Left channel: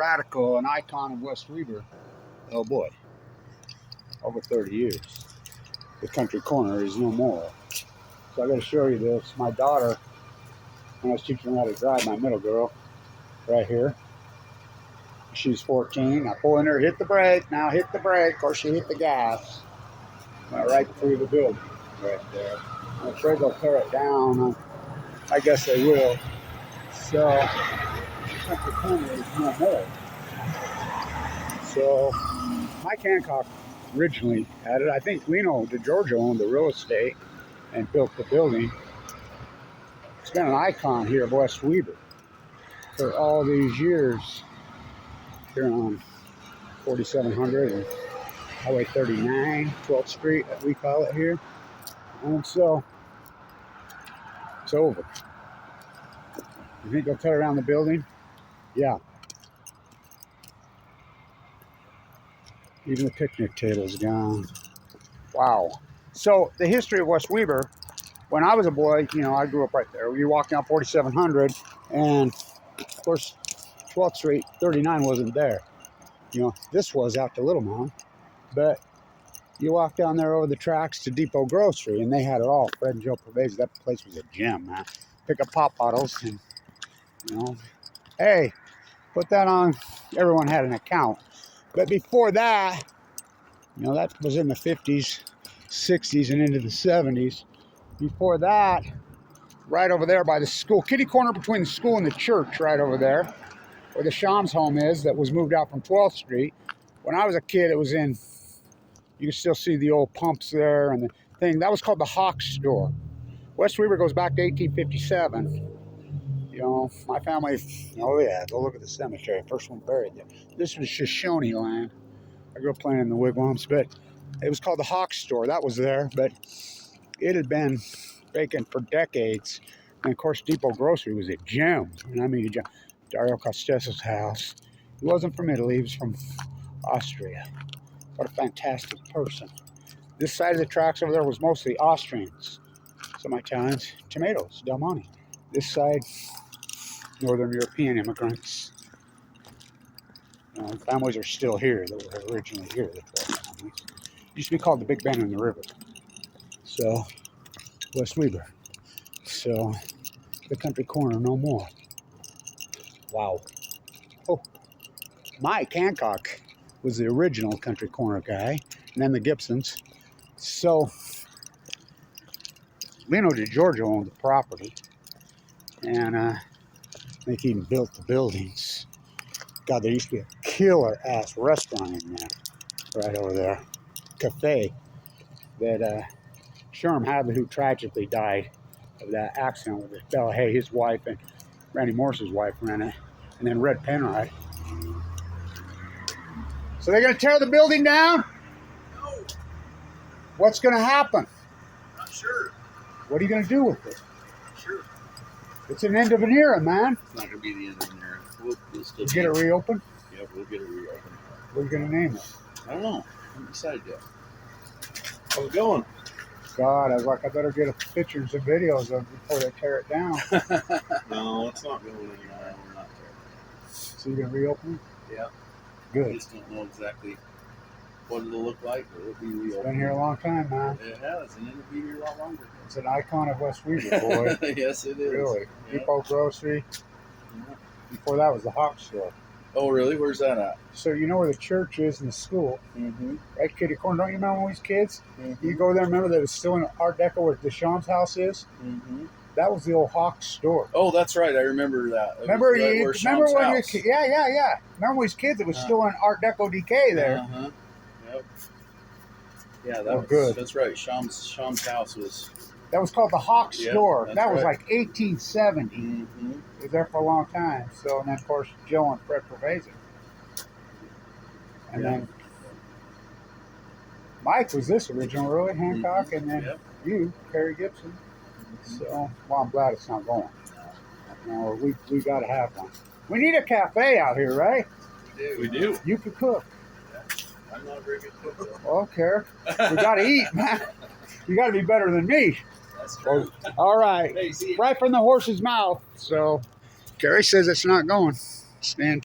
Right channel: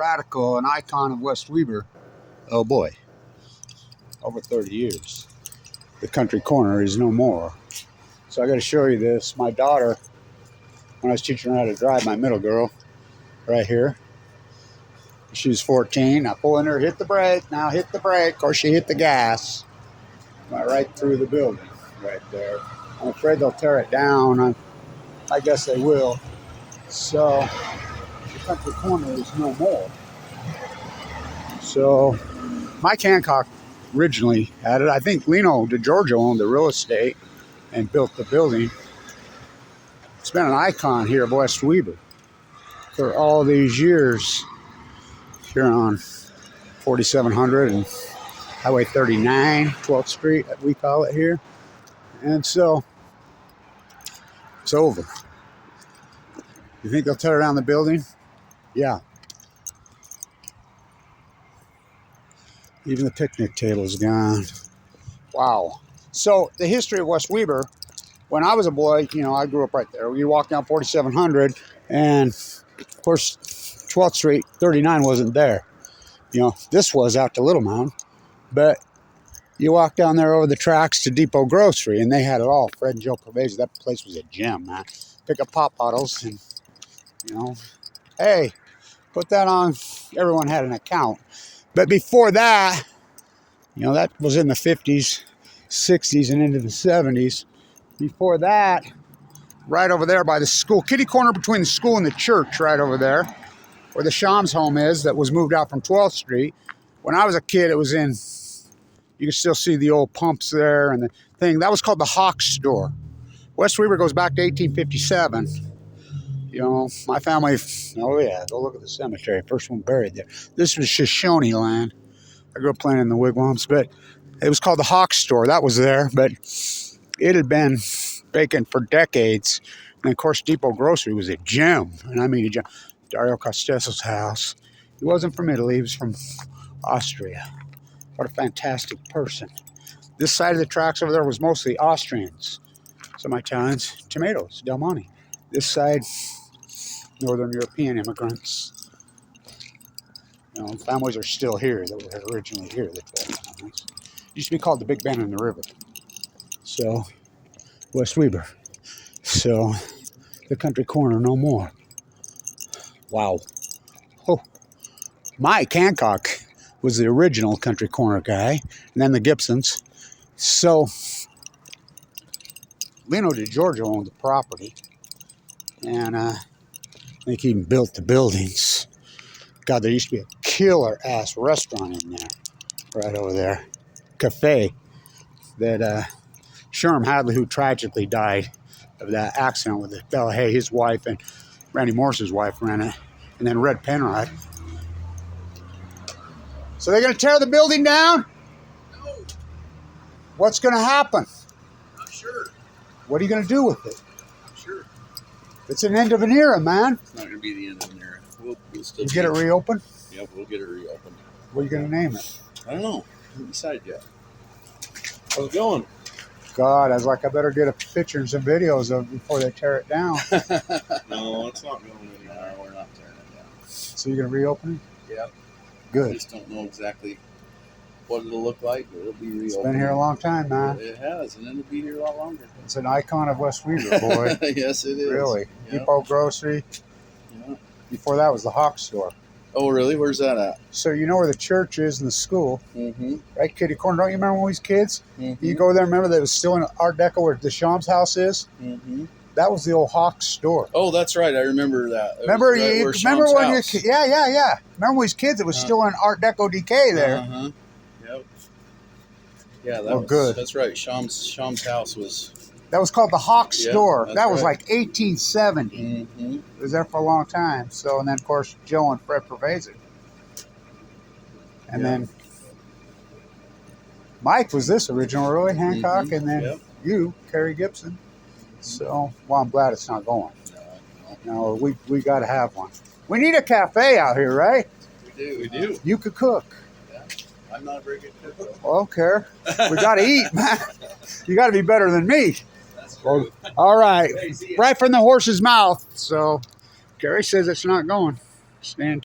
radical, an icon of West Weber. Oh boy, over 30 years. The country corner is no more. So I got to show you this. My daughter, when I was teaching her how to drive, my middle girl, right here. She's 14. I pull in her, hit the brake. Now hit the brake, or she hit the gas. Right through the building, right there. I'm afraid they'll tear it down. I guess they will. So the country corner is no more. So Mike Hancock originally had it. I think Lino DeGiorgio owned the real estate and built the building. It's been an icon here of West Weber for all these years. Here on 4700 and Highway 39, 12th Street, we call it here. And so it's over. You think they'll tear down the building? Yeah. Even the picnic table's gone. Wow. So the history of West Weber, when I was a boy, you know, I grew up right there. You walk down 4700, and of course, 12th Street, 39 wasn't there. You know, this was out to Little Mound. But you walk down there over the tracks to Depot Grocery, and they had it all. Fred and Joe Pervasive. That place was a gem, man. Pick up pop bottles, and, you know, hey, put that on. Everyone had an account. But before that, you know, that was in the 50s, 60s, and into the 70s. Before that, right over there by the school, kitty corner between the school and the church, right over there, where the Shams home is, that was moved out from 12th Street. When I was a kid, it was in, you can still see the old pumps there and the thing. That was called the Hawk Store. West Weber goes back to 1857. You know, my family, oh yeah, go look at the cemetery. First one buried there. This was Shoshone land. I grew up playing in the wigwams, but it was called the Hawk Store. That was there, but it had been vacant for decades. And of course, Depot Grocery was a gem. And I mean a gem. Dario Costeso's house. He wasn't from Italy, he was from Austria. What a fantastic person. This side of the tracks over there was mostly Austrians. Some Italians, tomatoes, Del Monte. This side, Northern European immigrants. You know, families are still here that were originally here. The 12 families. Used to be called the Big Bend in the River. So, West Weber. So, the country corner no more. Wow. Oh, Mike Hancock was the original country corner guy, and then the Gibsons. So, Lino DeGiorgio owned the property, and I think he even built the buildings. God, there used to be a killer-ass restaurant in there, right over there. Cafe, that Sherm Hadley, who tragically died of that accident with Bella Hay, his wife, and Randy Morris's wife ran it, and then Red Penrod. So they're going to tear the building down? No. What's going to happen? Not sure. What are you going to do with it? Not sure. It's an end of an era, man. It's not going to be the end of an era. We'll still get it reopened? Yep, we'll get it reopened. What are you going to name it? I don't know. I haven't decided yet. How's it going? God, I was like, I better get a picture and some videos of it before they tear it down. No, it's not going anywhere. We're not tearing it down. So you're going to reopen it? Yeah. Good. I just don't know exactly what it'll look like, but it'll be reopened. It's been here a long time, man. It has, and it'll be here a lot longer. It's an icon of West Weber, boy. Yes, it is. Really. Yep. Depot Grocery. Yep. Before that was the Hawk Store. Oh, really? Where's that at? So you know where the church is and the school, Mm-hmm. right? Kitty corner. Don't you remember when we was kids? Mm-hmm. You go there. Remember that it was still in Art Deco where the Shams house is. Mm-hmm. That was the old Hawk Store. Oh, that's right. I remember that. Remember right you? Remember when you? Yeah. Remember when we was kids? It was still in Art Deco decay there. Uh-huh. Yep. Yeah, that Oh, was good. That's right. Sham's house was. That was called the Hawk Store. That's That was right. like 1870. Mm-hmm. It was there for a long time. So, and then of course Joe and Fred Pervasive. And then Mike was this original, really, Hancock, Mm-hmm. and then you, Kerry Gibson. So, well, I'm glad it's not going. No, we got to have one. We need a cafe out here, right? We do. You could cook. Yeah. I'm not a very good cook. Well, okay. We got to eat, man. You got to be better than me. That's true. Well, all right. Hey, see ya. Right from the horse's mouth. So, Kerry says it's not going. Stand